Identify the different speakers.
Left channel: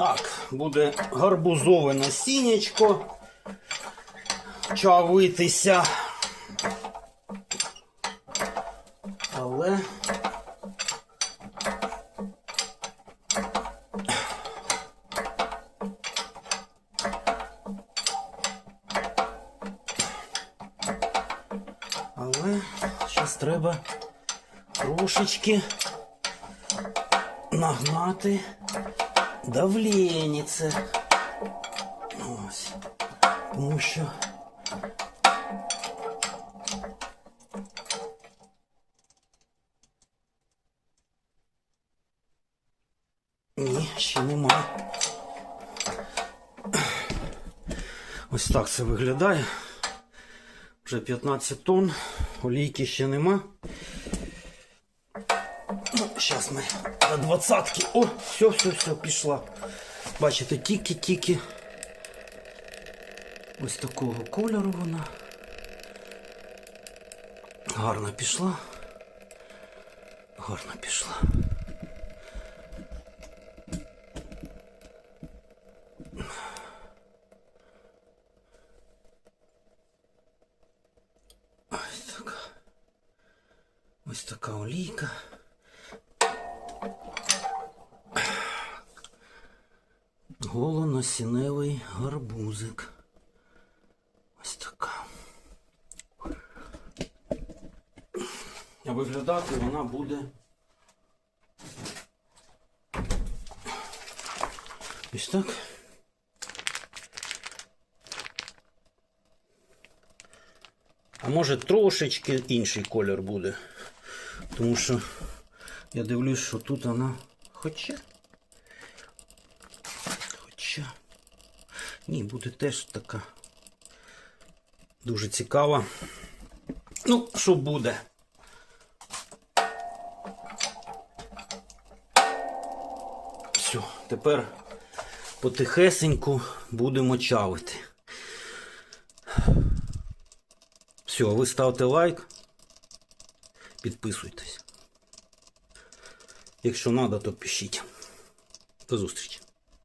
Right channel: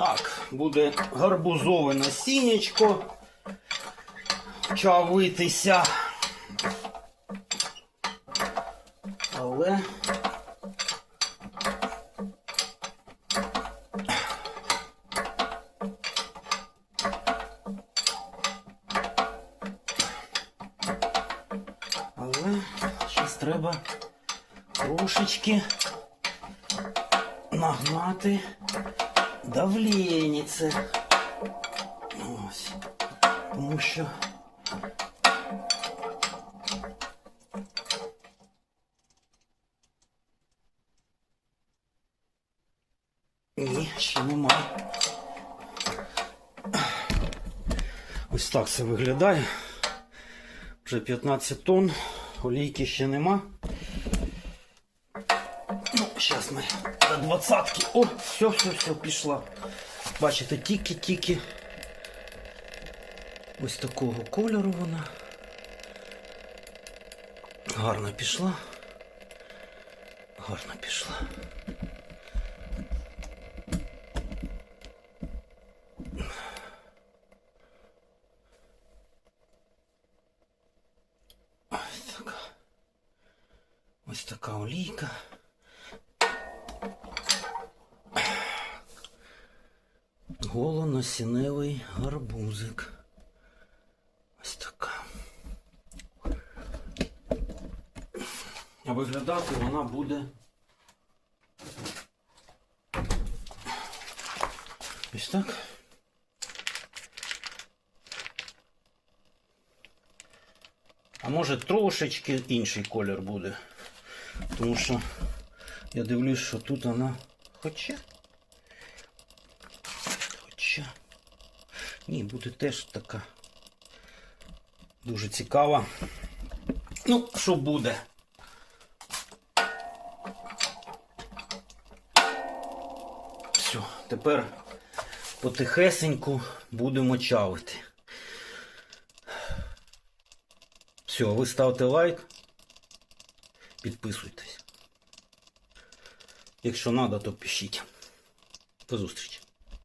Speaker 1: Так, буде гарбузове насіннячко чавитися. Але Але зараз треба трошечки нагнати давлєніце. Ось. Тому що. Ні, ще немає. Ось так це виглядає. Вже 15 тонн, олійки ще нема. Зараз ми до двадцятки. О, все, все, все, пішла. Бачите, тільки-тільки. Ось такого кольору вона. Гарно пішла. Гарно пішла. Ось така. Ось така олійка. Голоносіневий гарбузик. Ось така. А виглядати вона буде. Ось так. А може трошечки інший колір буде. Тому що я дивлюсь, що тут вона. Хоча. Хоча. Ні, буде теж така. Дуже цікава. Ну, що буде? Все, тепер потихесеньку будемо чавити. Все, ви ставте лайк, підписуйтесь. Якщо треба, то пишіть. До зустрічі.